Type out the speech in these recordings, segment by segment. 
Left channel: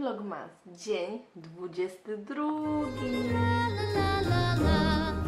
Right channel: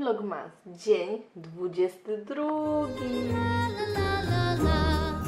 Vlogmas, dzień 22. La la la la la.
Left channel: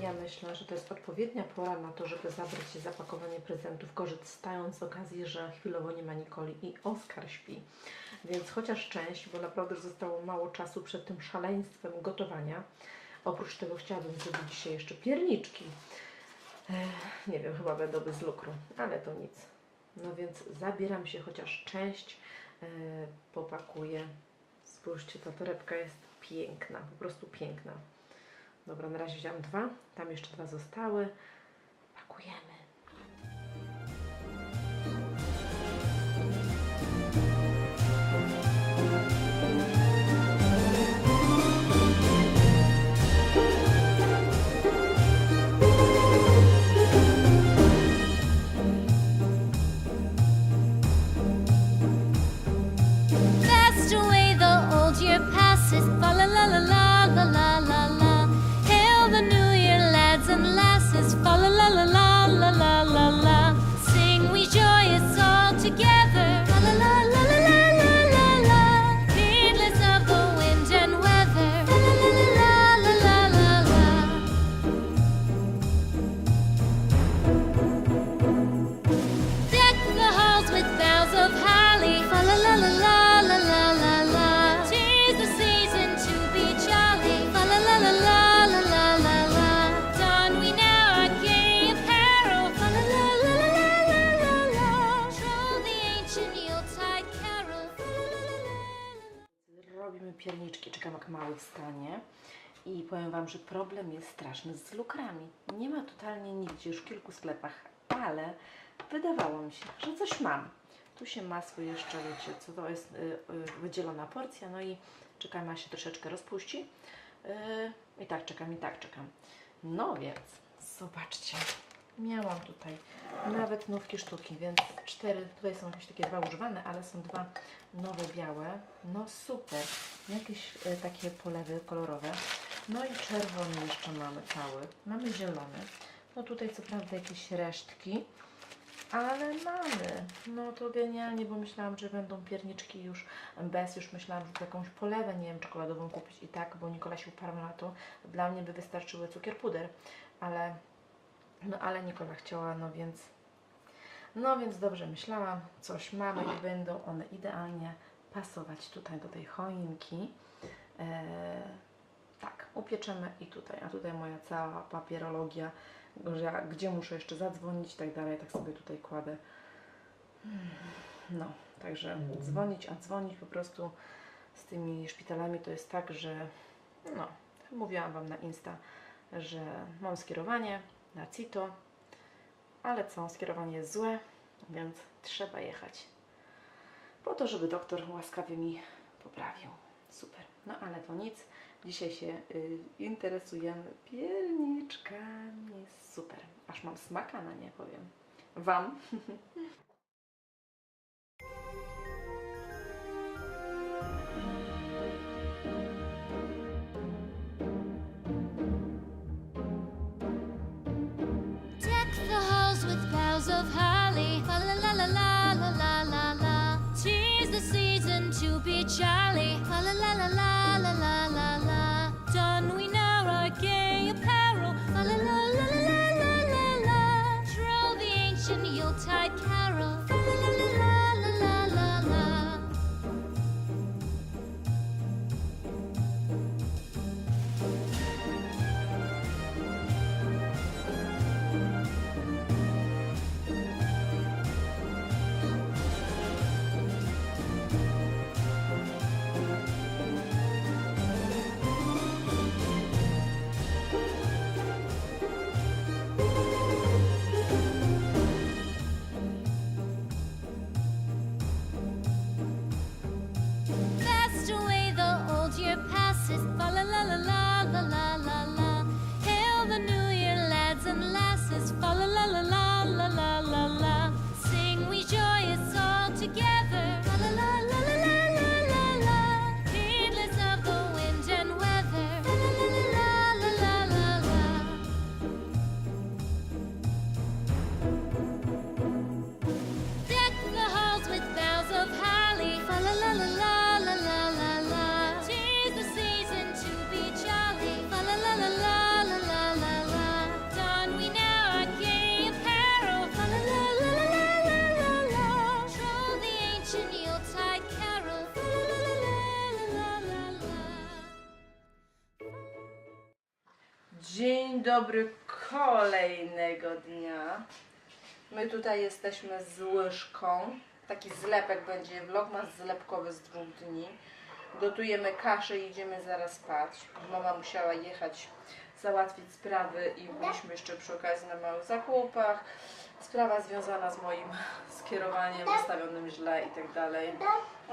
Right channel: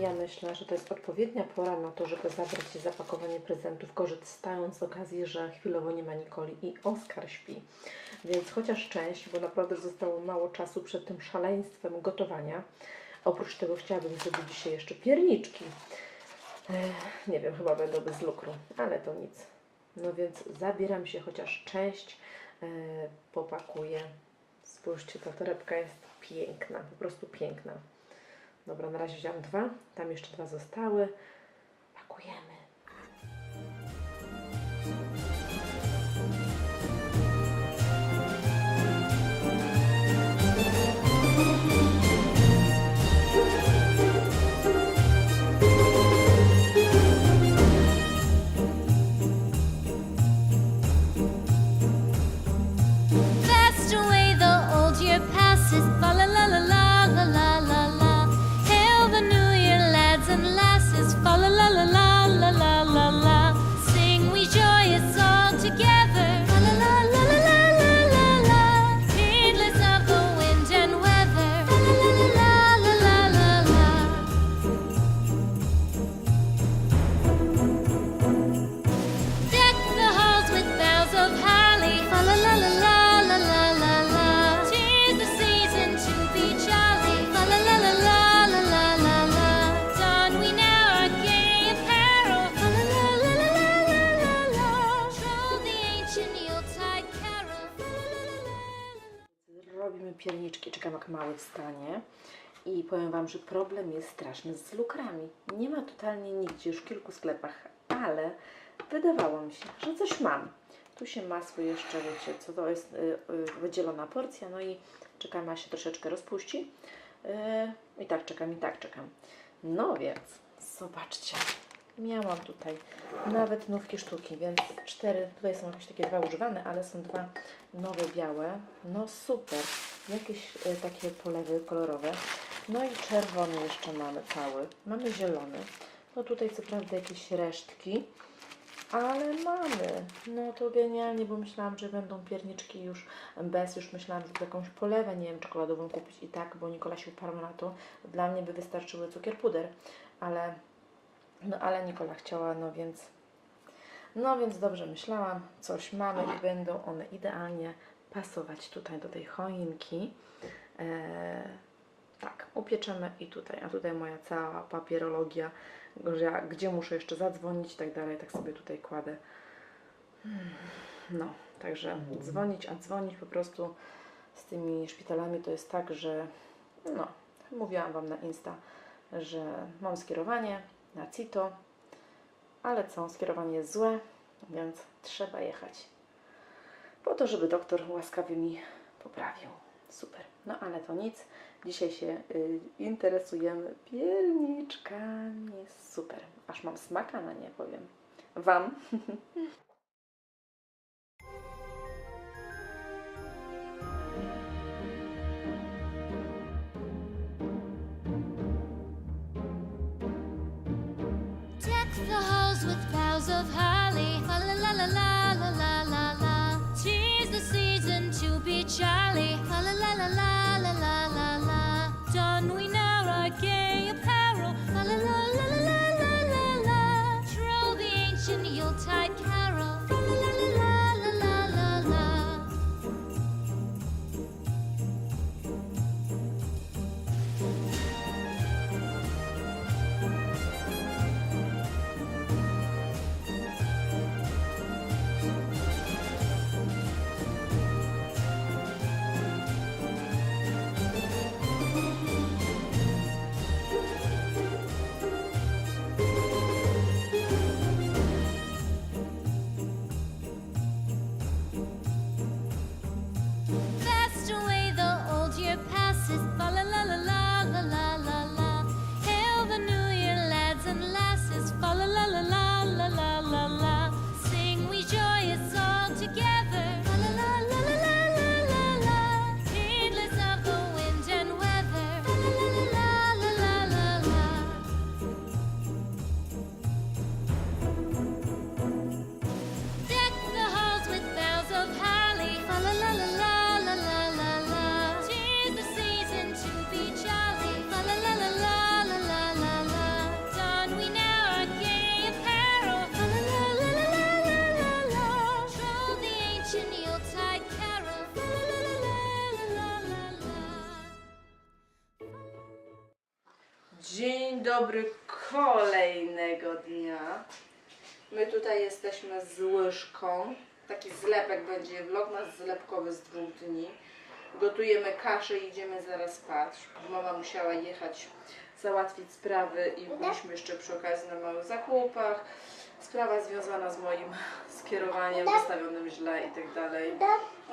Ja myślę, że to jest odpowiednia pora na to, żeby zabrać się zapakowanie prezentów, korzystając z okazji, że chwilowo nie ma Nikoli i Oskar śpi. Więc chociaż część, bo naprawdę zostało mało czasu przed tym szaleństwem gotowania. Oprócz tego chciałabym zrobić dzisiaj jeszcze pierniczki. Nie wiem, chyba będą bez lukru, ale to nic. No więc zabieram się, chociaż część e, popakuję. Spójrzcie, ta torebka jest piękna, po prostu piękna. Dobra, na razie wziąłem dwa, tam jeszcze dwa zostały. Pakujemy. is falling. Że problem jest straszny z lukrami. Nie ma totalnie nigdzie, już w kilku sklepach, ale wydawało mi się, że coś mam. Tu się masło jeszcze, wiecie, co to jest y, y, wydzielona porcja, no i czekam, aż się troszeczkę rozpuści. Y, I tak czekam, i tak czekam. No więc, zobaczcie, miałam tutaj nawet nówki sztuki, więc cztery, tutaj są jakieś takie dwa używane, ale są dwa nowe białe. No super, jakieś e, takie polewy kolorowe. No i czerwony jeszcze mamy cały. Mamy zielony. No tutaj co prawda jakieś resztki, ale mamy. No to genialnie, bo myślałam, że będą pierniczki już bez, już myślałam, że jakąś polewę, nie wiem, czekoladową kupić i tak, bo Nikola się uparła na to. Dla mnie by wystarczyły cukier puder, ale no ale Nikola chciała, no więc no więc dobrze myślałam, coś mamy i będą one idealnie pasować tutaj do tej choinki. Eee, tak, upieczemy i tutaj, a tutaj moja cała papierologia, ja, gdzie muszę jeszcze zadzwonić i tak dalej, tak sobie tutaj kładę. Hmm, No, także dzwonić, a dzwonić po prostu z tymi szpitalami to jest tak, że no, mówiłam Wam na Insta, że mam skierowanie na CITO, ale co, skierowanie jest złe, więc trzeba jechać. Po to, żeby doktor łaskawie mi poprawił. Super. No ale to nic. Dzisiaj się y, interesujemy pierniczkami. Super. Aż mam smaka na nie, powiem. Wam. be jolly. La la la la la la la la. Done we now our game? Together. Dzień dobry kolejnego dnia. My tutaj jesteśmy z łyżką. Taki zlepek będzie, vlogmas zlepkowy z dwóch dni. Gotujemy kaszę i idziemy zaraz spać. Mama musiała jechać, załatwić sprawy i byliśmy jeszcze przy okazji na małych zakupach. Sprawa związana z moim skierowaniem wystawionym źle i tak dalej.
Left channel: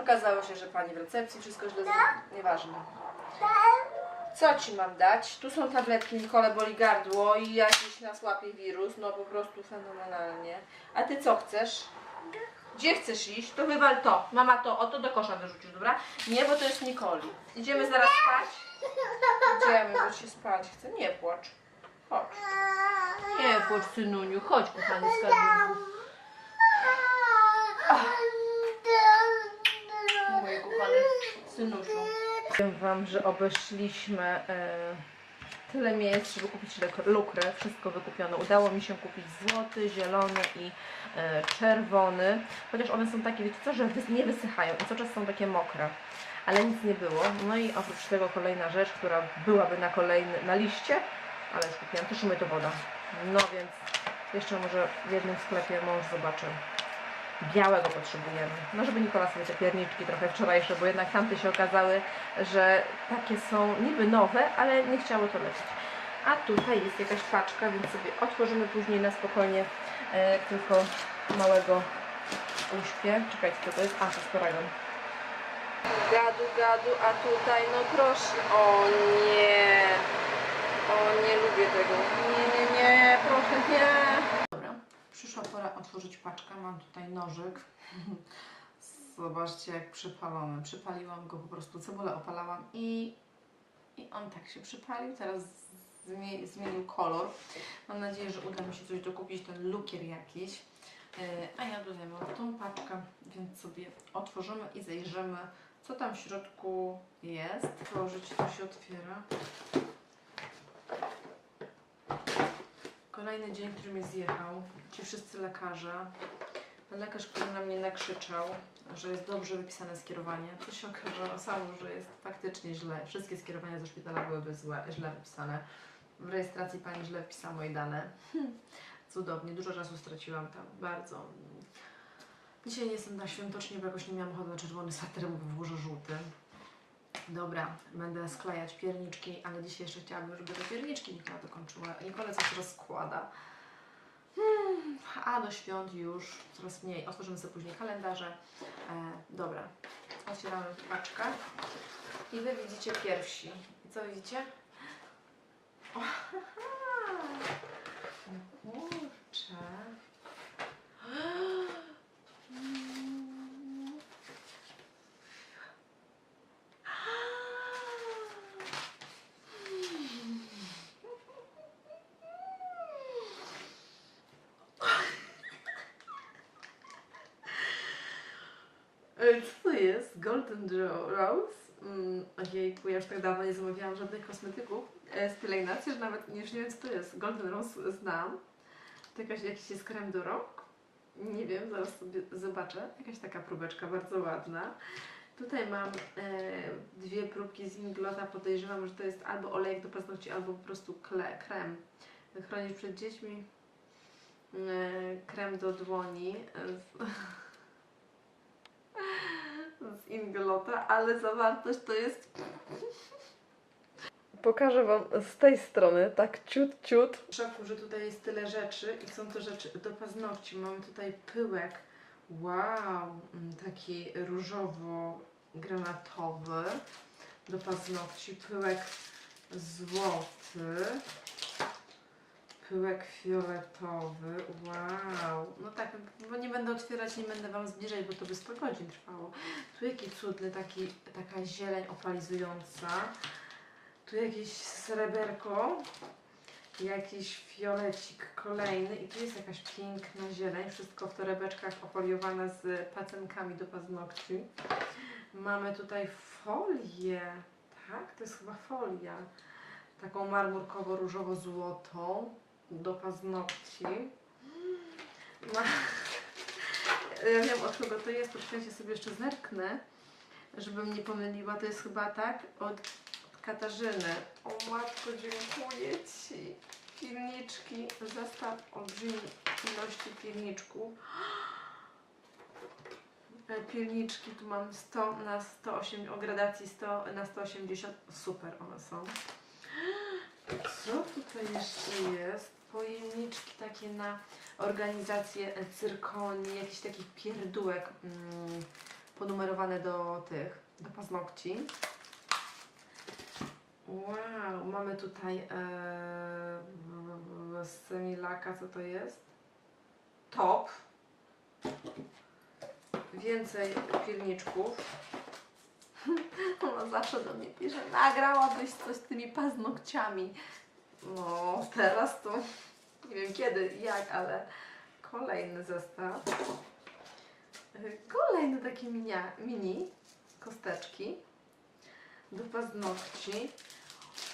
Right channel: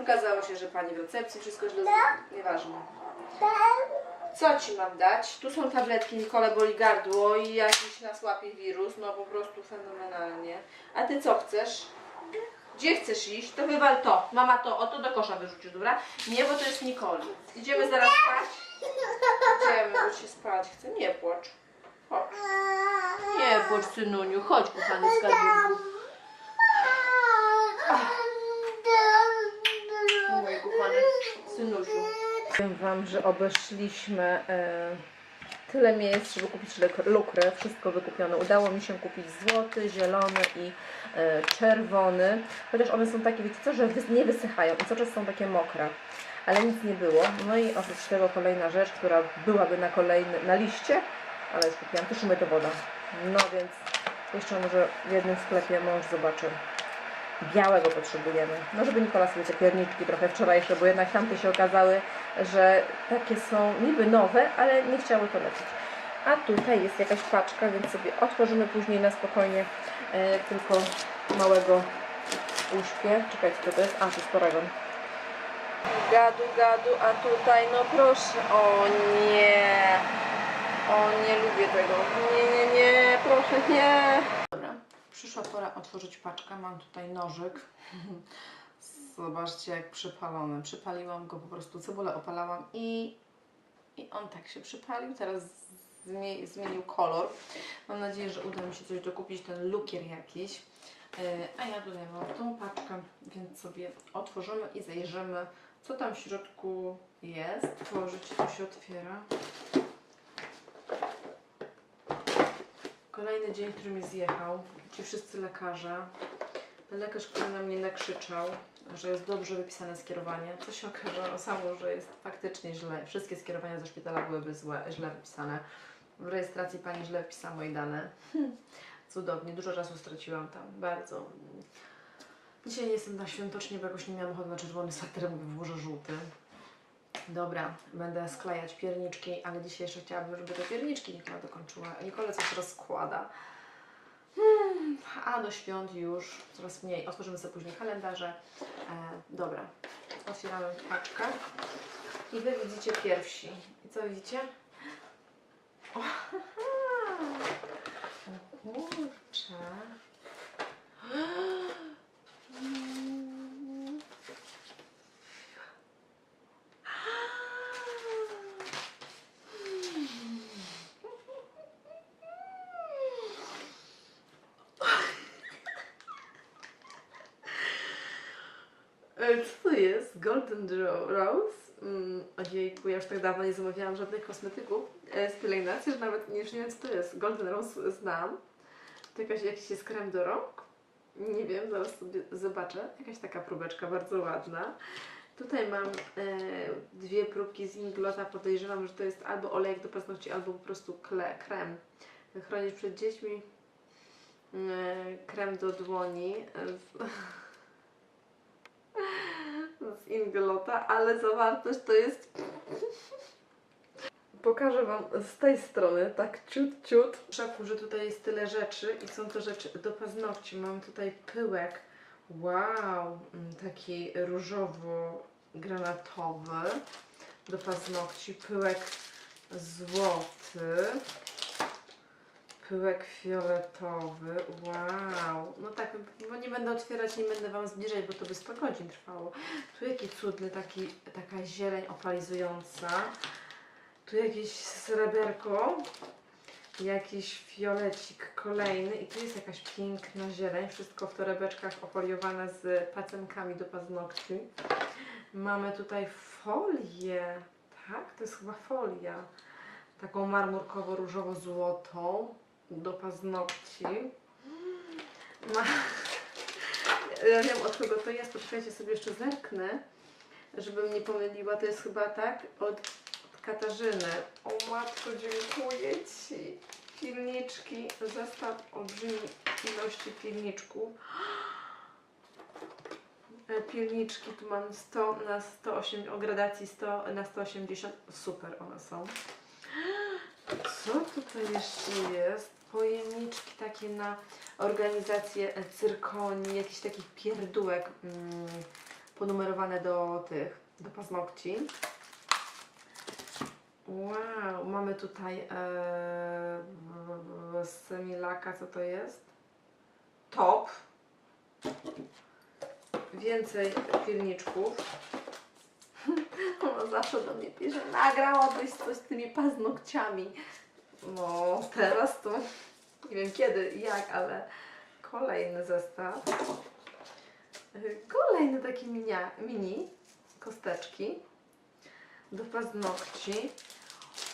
Okazało się, że pani w recepcji wszystko źle z... Nieważne. Co ci mam dać? Tu są tabletki, Nikole boli gardło i jakiś nas łapie wirus, no po prostu fenomenalnie. A ty co chcesz? Gdzie chcesz iść? To wywal to. Mama to, o to do kosza wyrzucisz, dobra? Nie, bo to jest Nikoli. Idziemy zaraz spać? Idziemy, bo się spać chce. Nie płacz. Chodź. Nie płacz, synuniu. Chodź, kochany skarbunku. Mój kochany synusiu. Powiem Wam, że obeszliśmy e, tyle miejsc, żeby kupić luk- lukrę. Wszystko wykupione. Udało mi się kupić złoty, zielony i e, czerwony. Chociaż one są takie, wiecie co, że nie wysychają i cały czas są takie mokre. Ale nic nie było. No i oprócz tego kolejna rzecz, która byłaby na kolejny, na liście, ale już kupiłam, też umyto woda. No więc jeszcze może w jednym sklepie mąż zobaczy. Białego potrzebujemy. No, żeby Nikola sobie te pierniczki trochę wczorajsze, bo jednak tamte się okazały, że takie są niby nowe, ale nie chciały to lecieć. A tutaj jest jakaś paczka, więc sobie otworzymy później na spokojnie e, tylko małego uśpię. Czekajcie, co to jest? A, to jest paragon. Gadu, gadu, a tutaj, no proszę, o nie, o nie lubię tego, nie, nie, nie, proszę, nie. Przyszła pora otworzyć paczkę, mam tutaj nożyk, zobaczcie jak przypalony, przypaliłam go po prostu, cebulę opalałam i, i on tak się przypalił, teraz zmie- zmienił kolor, mam nadzieję, że uda mi się coś dokupić, ten lukier jakiś, Yy, a ja tutaj mam tą paczkę, więc sobie otworzymy i zajrzymy, co tam w środku jest. Otworzyć, to się otwiera. Kolejny dzień, który mnie zjechał. Ci wszyscy lekarze. Ten lekarz, który na mnie nakrzyczał, że jest dobrze wypisane skierowanie. Co się okazało samo, że jest faktycznie źle. Wszystkie skierowania ze szpitala byłyby złe, źle wypisane. W rejestracji pani źle wpisała moje dane. Cudownie, dużo czasu straciłam tam, bardzo. Dzisiaj nie jestem na świątocznie, bo jakoś nie miałam ochoty na czerwony sweter, mówię, włożę żółty. Dobra, będę sklejać pierniczki, ale dzisiaj jeszcze chciałabym, żeby te pierniczki Nikola dokończyła. Nikola coś rozkłada. Hmm, a do świąt już coraz mniej. Otworzymy sobie później kalendarze. E, dobra, otwieramy paczkę. I Wy widzicie pierwsi. I co widzicie? O, kurczę. Co to jest? Golden Ro- Rose? Mm, ojejku, ja już tak dawno nie zamawiałam żadnych kosmetyków e, z pielęgnacji, że nawet już nie wiem co to jest. Golden Rose znam. To jakaś, jakiś jest krem do rąk? Nie wiem, zaraz sobie zobaczę. Jakaś taka próbeczka bardzo ładna. Tutaj mam e, dwie próbki z Inglota. Podejrzewam, że to jest albo olejek do paznokci, albo po prostu kle, krem. Chronić przed dziećmi. E, krem do dłoni. E, Inglota, ale zawartość to jest. Pokażę Wam z tej strony, tak ciut, ciut. W szoku, że tutaj jest tyle rzeczy i są to rzeczy do paznokci. Mamy tutaj pyłek. Wow, mm, taki różowo-granatowy do paznokci. Pyłek złoty. Pyłek fioletowy. Wow. No tak, bo nie będę otwierać, nie będę Wam zbliżać, bo to by 100 godzin trwało. Tu jaki cudny, taki, taka zieleń opalizująca. Tu jakieś sreberko. Jakiś fiolecik kolejny. I tu jest jakaś piękna zieleń. Wszystko w torebeczkach ofoliowane z pacenkami do paznokci. Mamy tutaj folię. Tak, to jest chyba folia. Taką marmurkowo-różowo-złotą do paznokci. Ma... Ja wiem od kogo to jest, poczekajcie sobie jeszcze zerknę, żebym nie pomyliła. To jest chyba tak od, od Katarzyny. O matko, dziękuję Ci. Pilniczki, zestaw olbrzymiej ilości pilniczków. Pilniczki tu mam 100 na 108, o gradacji 100 na 180. Super one są. Co tutaj jeszcze jest? Pojemniczki takie na organizację e, cyrkoni, jakiś takich pierdółek mm, ponumerowane do tych, do paznokci. Wow, mamy tutaj e, z Semilaka, co to jest? Top. Więcej pilniczków. Ona zawsze do mnie pisze, nagrałabyś coś z tymi paznokciami. No, teraz to nie wiem kiedy, i jak, ale kolejny zestaw. Kolejne takie minia, mini kosteczki do paznokci.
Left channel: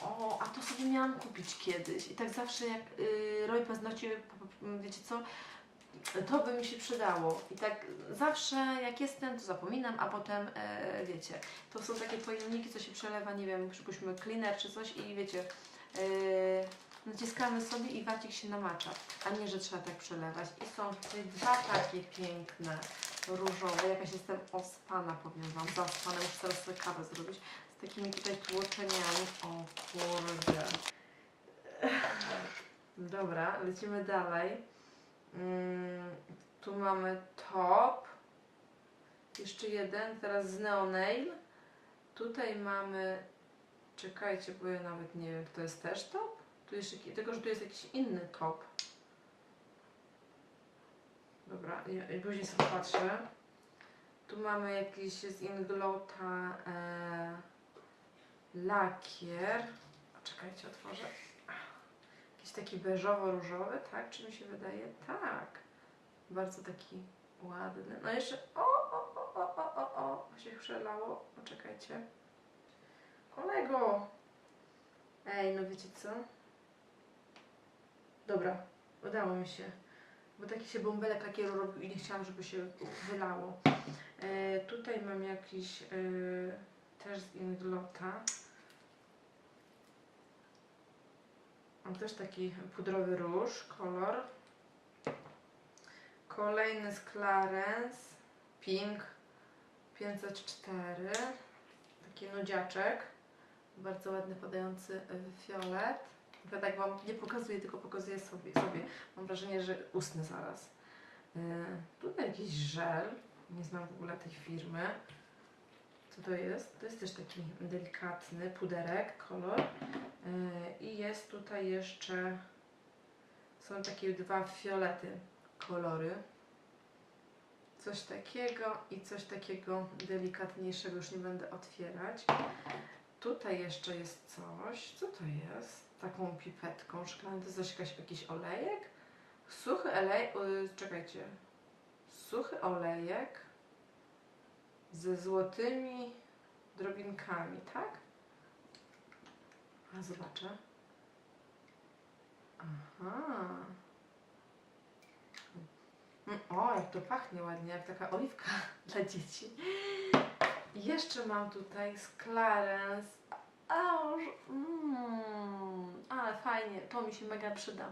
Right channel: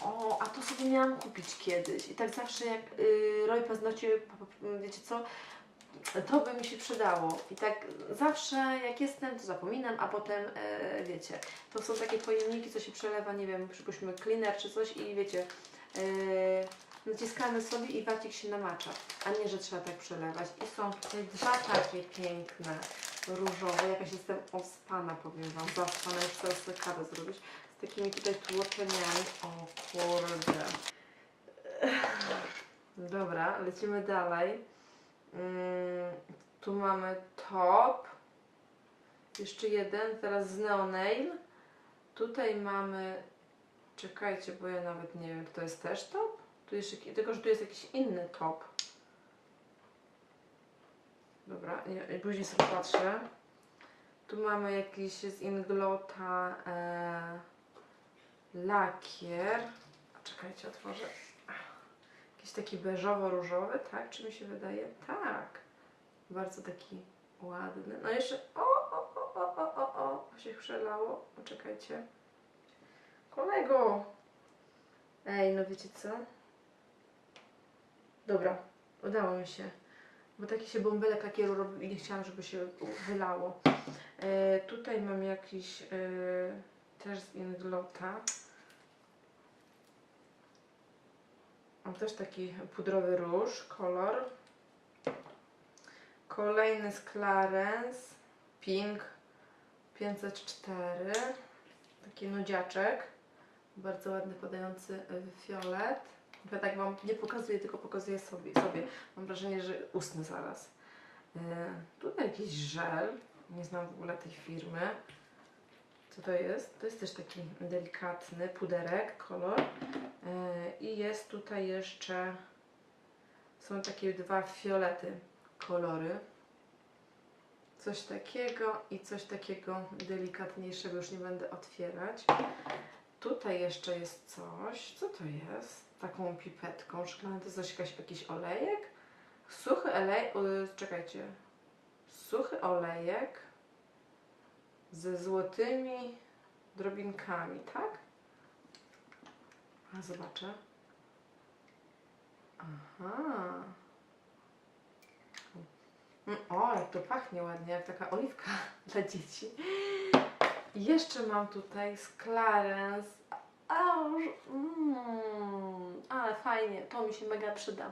O, a to sobie miałam kupić kiedyś. I tak zawsze jak y, robię paznokcie, wiecie co, to by mi się przydało. I tak zawsze jak jestem, to zapominam, a potem e, wiecie, to są takie pojemniki, co się przelewa, nie wiem, przypuśćmy cleaner czy coś i wiecie, naciskamy sobie i wacik się namacza, a nie, że trzeba tak przelewać. I są tutaj dwa takie piękne, różowe, jakaś jestem ospana, powiem Wam, zaspana, muszę teraz sobie kawę zrobić, z takimi tutaj tłoczeniami. O kurde. Dobra, lecimy dalej. Mm, tu mamy top. Jeszcze jeden, teraz z Neonail. Tutaj mamy. Czekajcie, bo ja nawet nie wiem, to jest też top? Tu jeszcze, tylko, że tu jest jakiś inny top. Dobra, ja później sobie patrzę. Tu mamy jakiś z Inglota e, lakier. Czekajcie, otworzę. Jakiś taki beżowo-różowy, tak? Czy mi się wydaje? Tak. Bardzo taki ładny. No jeszcze. O, o, o, o, o, o, o. o się przelało. Poczekajcie. Kolego! Ej, no wiecie co? Dobra, udało mi się. Bo taki się bąbelek lakieru robił i nie chciałam, żeby się wylało. E, tutaj mam jakiś e, też z Inglota. Mam też taki pudrowy róż, kolor. Kolejny z Clarence, Pink 504. Taki nudziaczek. Bardzo ładny, podający w fiolet. Ja tak Wam nie pokazuję, tylko pokazuję sobie. sobie. Mam wrażenie, że usnę zaraz. Yy, tutaj jakiś żel. Nie znam w ogóle tej firmy. Co to jest? To jest też taki delikatny puderek, kolor. Yy, I jest tutaj jeszcze, są takie dwa fiolety kolory. Coś takiego i coś takiego delikatniejszego, już nie będę otwierać. Tutaj jeszcze jest coś. Co to jest? Taką pipetką szklaną. To jest coś, jakaś, jakiś olejek? Suchy olej... Czekajcie. Suchy olejek ze złotymi drobinkami, tak? A zobaczę. Aha. Mm, O, jak to pachnie ładnie, jak taka oliwka dla dzieci. Jeszcze mam tutaj z Clarence. Aż, mm, ale fajnie, to mi się mega przyda.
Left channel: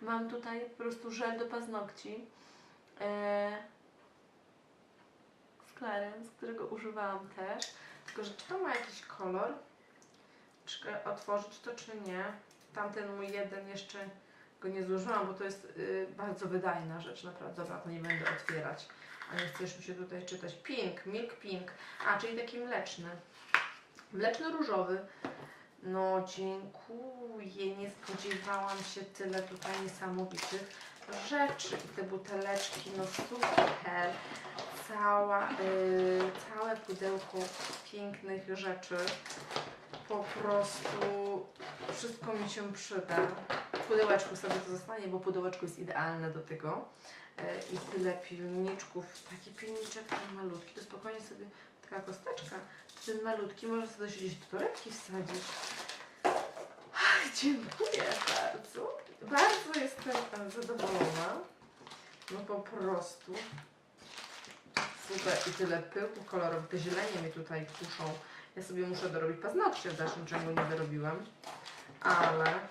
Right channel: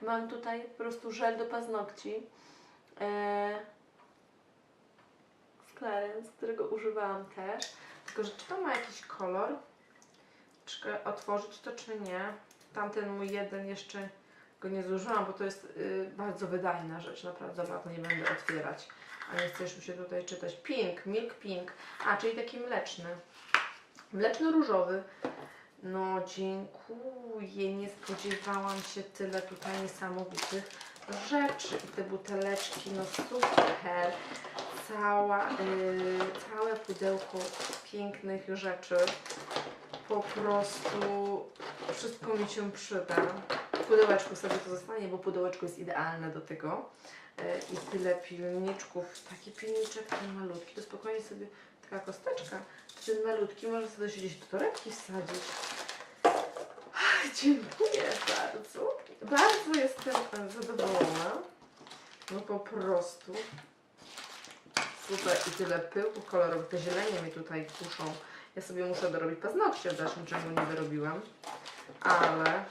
Mam tutaj po prostu żel do paznokci. E, z Clarence, którego używałam też. Tylko, że czy to ma jakiś kolor? Czy otworzyć to, czy nie? Tamten mój jeden jeszcze go nie zużyłam, bo to jest y, bardzo wydajna rzecz, naprawdę. Dobra, to nie będę otwierać. Nie chcesz mi się tutaj czytać. Pink, milk pink. A, czyli taki mleczny. Mleczno-różowy. No dziękuję, nie spodziewałam się tyle tutaj niesamowitych rzeczy. I te buteleczki, no super. Cała, y, całe pudełko pięknych rzeczy. Po prostu wszystko mi się przyda. W pudełeczku sobie to zostanie, bo pudełeczko jest idealne do tego. E, I tyle pilniczków. Taki pilniczek ten malutki, to spokojnie sobie taka kosteczka. Ten malutki może sobie gdzieś do torebki wsadzić. Ach, dziękuję bardzo. Bardzo jestem e, zadowolona. No po prostu. Super. I tyle pyłków kolorowych. Te zielenie mi tutaj kuszą. Ja sobie muszę dorobić paznokcie w dalszym ciągu nie wyrobiłam. Ale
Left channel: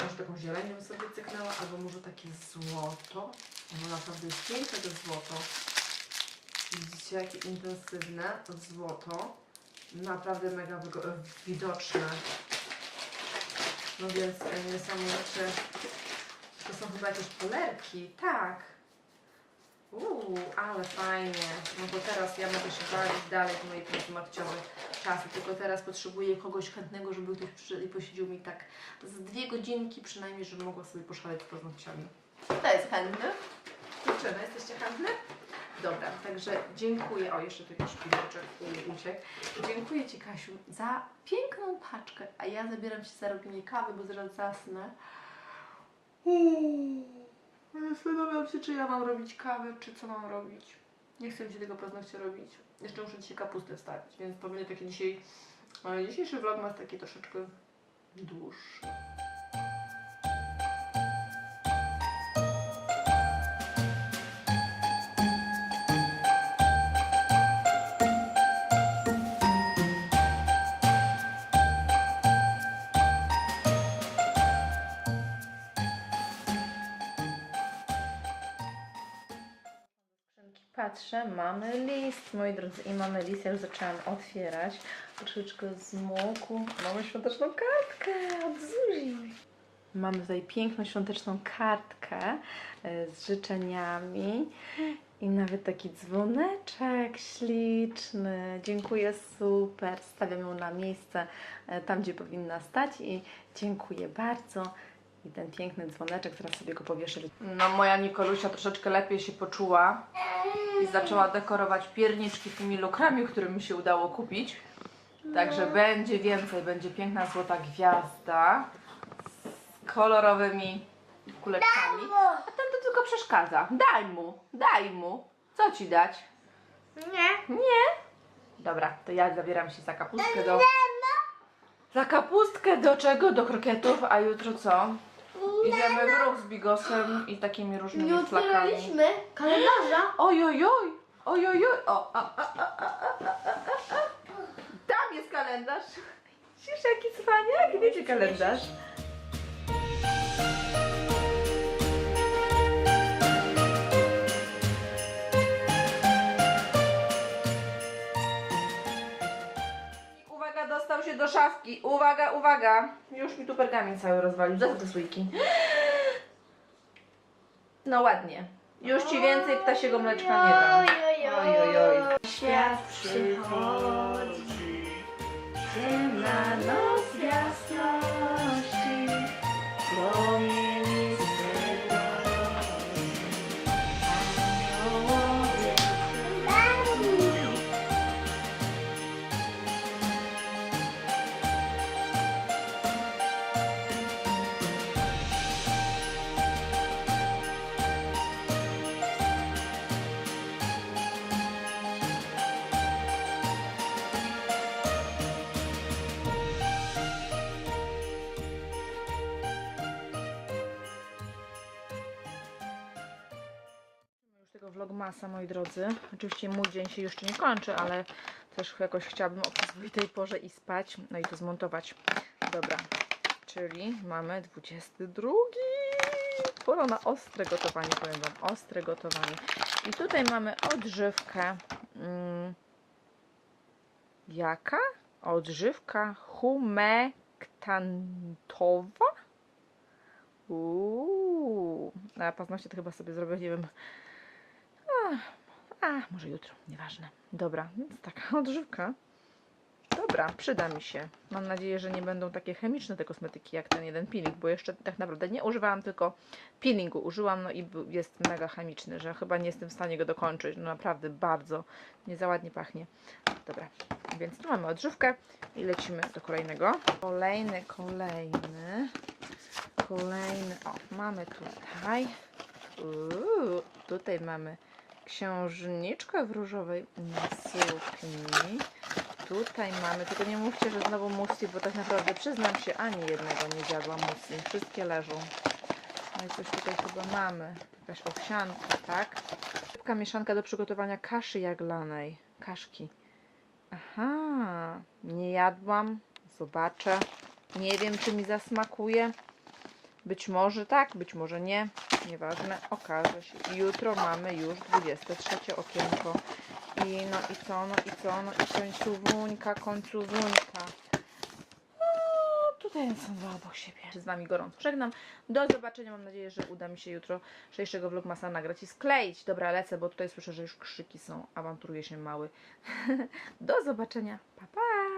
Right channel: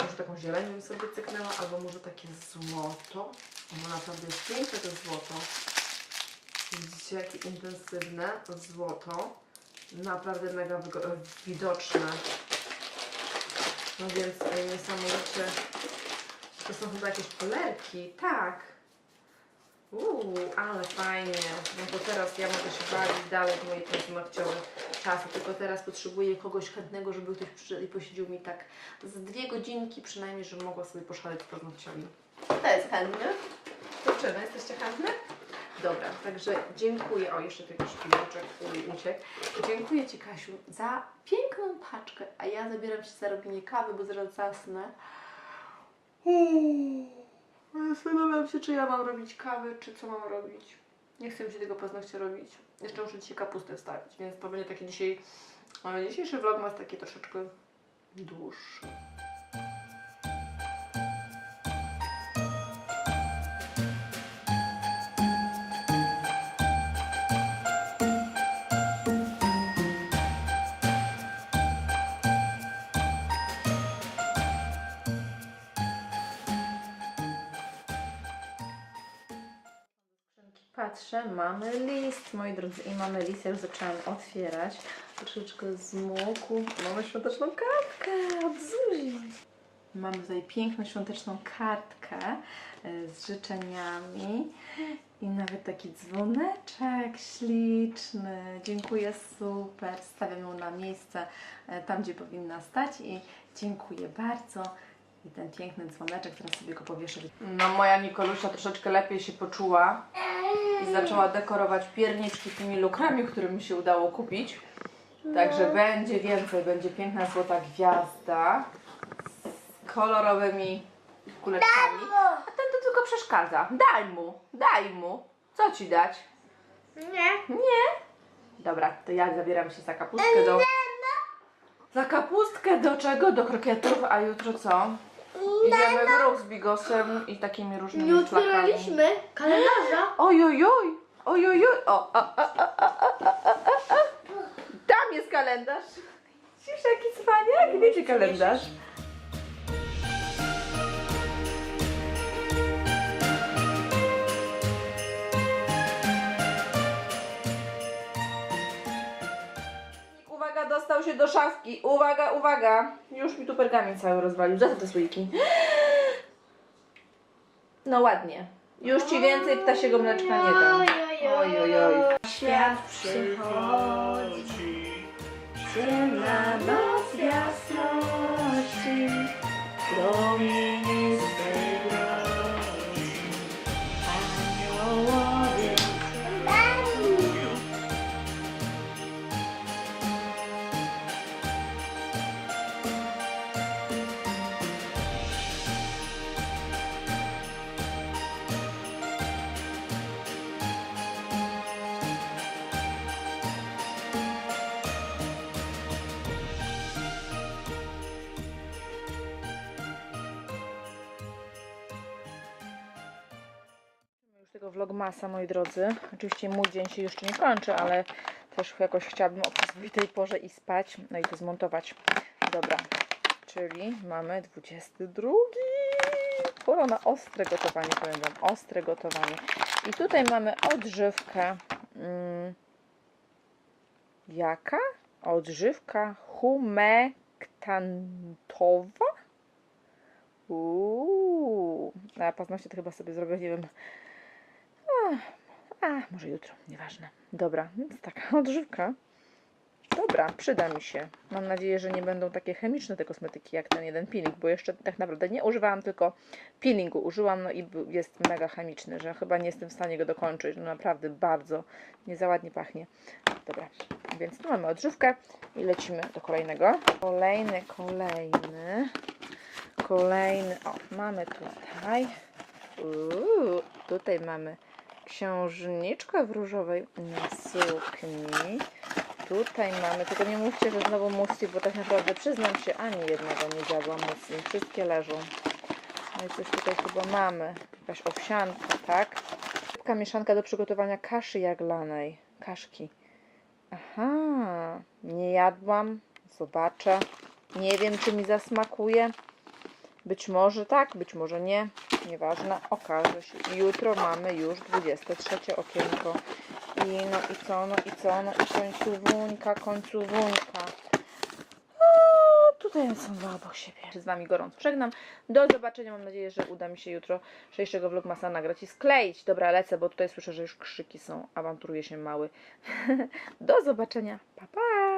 może taką zielenią sobie cyknęła, albo może takie złoto. Ono naprawdę jest piękne to złoto. Widzicie, jakie intensywne złoto. Naprawdę mega widoczne. No więc e, niesamowicie. To są chyba jakieś polerki. Tak. Uuu, ale fajnie. No to teraz ja mogę się bawić dalej w mojej paznokciowe czasy. Tylko teraz potrzebuję kogoś chętnego, żeby ktoś przyszedł i posiedział mi tak z dwie godzinki przynajmniej, żebym mogła sobie poszaleć z paznokciami. Kto jest chętny? Dziewczyny, jesteście chętne? Dobra, także dziękuję. O, jeszcze tu jakiś pilniczek u- uciekł. Dziękuję Ci, Kasiu, za piękną paczkę. A ja zabieram się za robienie kawy, bo zaraz zasnę. Uuu, Zastanawiam się, czy ja mam robić kawę, czy co mam robić. Nie chcę mi się tego paznokcia robić. Jeszcze muszę dzisiaj kapustę wstawić, więc to będzie taki dzisiaj... e, Dzisiejszy vlog ma taki troszeczkę dłuższy. Patrzę, mamy list, moi drodzy, i mamy list, ja już zaczęłam otwierać. Troszeczkę zmokł. Mamy świąteczną kartkę od Zuzi. Mamy tutaj piękną świąteczną kartkę e, z życzeniami i nawet taki dzwoneczek śliczny. Dziękuję, super. Stawiam ją na miejsce e, tam, gdzie powinna stać i dziękuję bardzo. I ten piękny dzwoneczek, teraz sobie go powieszę. No moja Nikolusia troszeczkę lepiej się poczuła i zaczęła dekorować pierniczki tymi lukrami, które mi się udało kupić. Także będzie więcej, będzie piękna złota gwiazda z kolorowymi kuleczkami. A ten to tylko przeszkadza. Daj mu, daj mu. Co ci dać? Nie. Nie. Dobra, to ja zabieram się za kapustkę do... Za kapustkę do czego? Do krokietów, a jutro co? Idziemy w ruch z bigosem i takimi różnymi Nie flakami. otwieraliśmy kalendarza. Oj, oj, oj, oj, oj, oj. O, a, a, a, a, a, a, a, a. Tam jest kalendarz. Widzisz, jaki cwaniak? Wiecie kalendarz? Uwaga, dostał się do szafki. Uwaga, uwaga. Już mi tu pergamin cały rozwalił. Za co te słoiki? No ładnie. Już ci więcej ptasiego mleczka nie dam. Oj, oj, oj. Świat przychodzi, ciemna noc jasności, promieniste vlogmasa, moi drodzy. Oczywiście mój dzień się jeszcze nie kończy, ale też jakoś chciałabym o przyzwoitej porze i spać, no i to zmontować. Dobra, czyli mamy 22. Pora na ostre gotowanie, powiem Wam, ostre gotowanie. I tutaj mamy odżywkę. Mm, jaka? Odżywka humektantowa? Uuu, a paznokcie to chyba sobie zrobię, nie wiem, a, może jutro, nieważne. Dobra, więc taka odżywka. Dobra, przyda mi się. Mam nadzieję, że nie będą takie chemiczne te kosmetyki jak ten jeden peeling, bo jeszcze tak naprawdę nie używałam, tylko peelingu użyłam, no i jest mega chemiczny, że chyba nie jestem w stanie go dokończyć. No naprawdę bardzo nie za ładnie pachnie. Dobra, więc tu mamy odżywkę i lecimy do kolejnego. Kolejny, kolejny, kolejny. O, mamy tutaj. Uuu, tutaj mamy księżniczkę w różowej sukni. Tutaj mamy, tylko nie mówcie, że znowu musi, bo tak naprawdę przyznam się, ani jednego nie zjadłam musi. Wszystkie leżą. No i coś tutaj chyba mamy. Jakaś owsianka, tak? Szybka mieszanka do przygotowania kaszy jaglanej. Kaszki. Aha, nie jadłam. Zobaczę. Nie wiem, czy mi zasmakuje. Być może tak, być może nie. Nieważne, okaże się. Jutro mamy już 23 okienko. I no i co, no i co, no i końcówuńka. O, tutaj są dwa obok siebie. Z Wami gorąco żegnam. Do zobaczenia. Mam nadzieję, że uda mi się jutro dzisiejszego vlogmasa nagrać i skleić. Dobra, lecę, bo tutaj słyszę, że już krzyki są. Awanturuje się mały. Do zobaczenia. Pa, pa!